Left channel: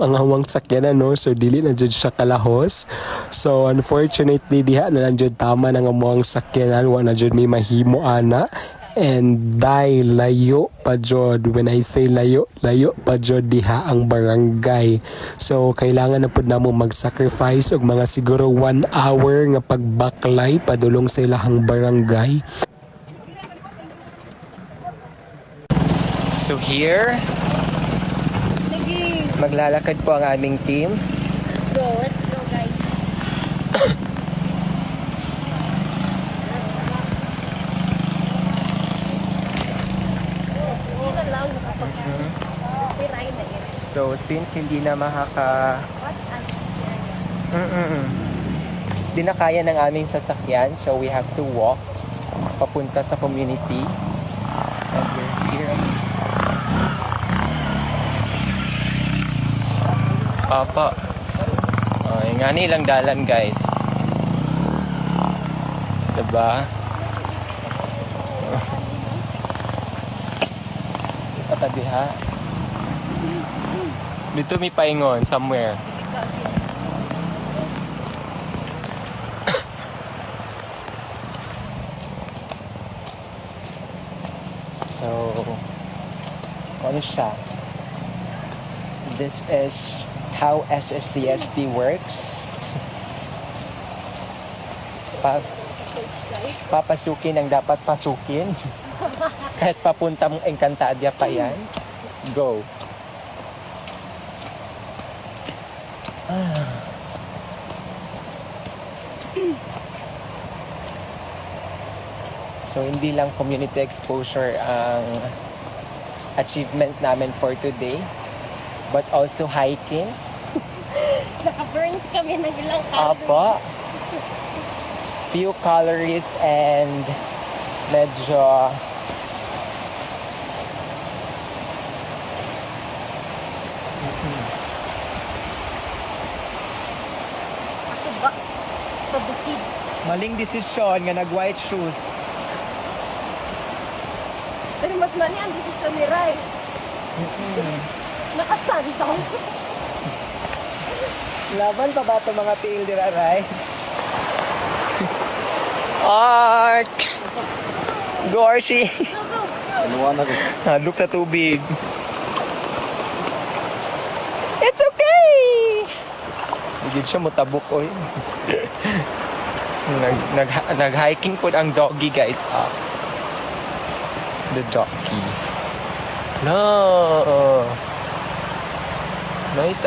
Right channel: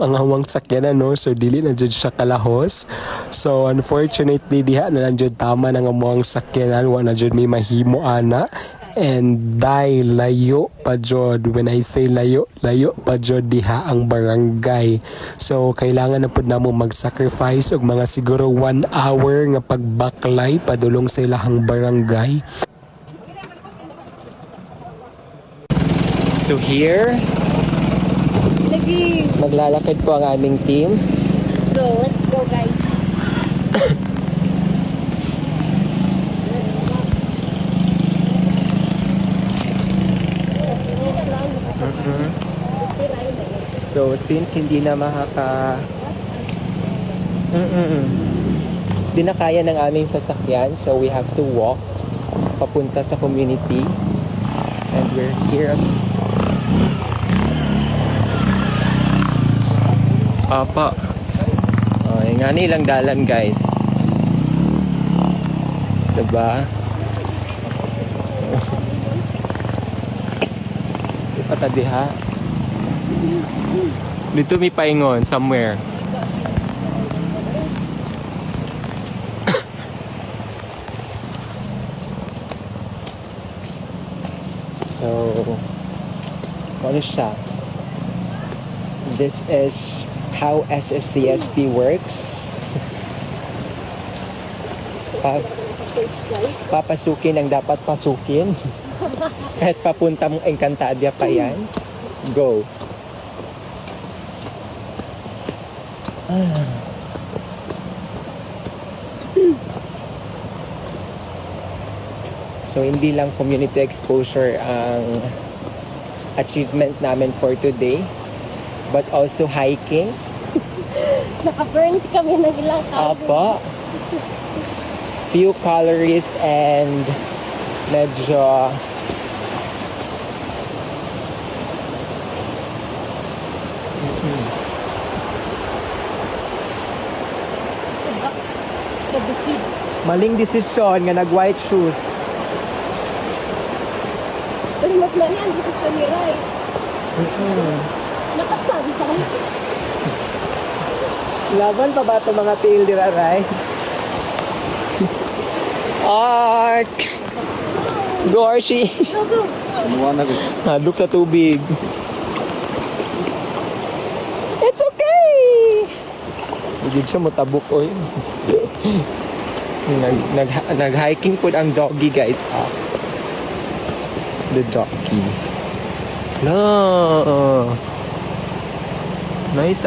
ang hawang sakyanan, no? So dili na jud siya kalahos. So unfortunately diha na lang jud tama ng among sakyanan, wa na jud may mahimo ana. And layo pa jud. When I say layo pa jud diha ang barangay. So kailangan na pud namo mag-sacrifice og mga siguro 1 hour nga pagbaklay padulong sa ilahang barangay. So here, maglalakad po ang aming team. Let's go guys. So since hindi na hindi na kaya ng aming sasakyan, so we have to walk papunta sa community. And we're here. Apa. Nga nilang dalan, guys. Diba? Ipata diha. Dito may paingon somewhere. So, what is siya? This is how SSCSP works. Papasukin ang dapat pasukin. Kahit papunta mong Encantadia pa yan. Go. So hindi lang community exposure ang achievement namin for today, but also hiking. Naka-burn kami ng ilang calories. Apa. Few calories and medyo Pabukid. maling desisyon nga nag-white shoes. Pero mas mali ang desisyon ni Rai. Nakasan ka mo. Laban pa ba ito mga tiil di Ray? Art! Go Archie! Hadlok sa tubig. It's okay! Bigid siya motabok oy. Nag-hiking po ang doggy guys. The doggy. No! Nice.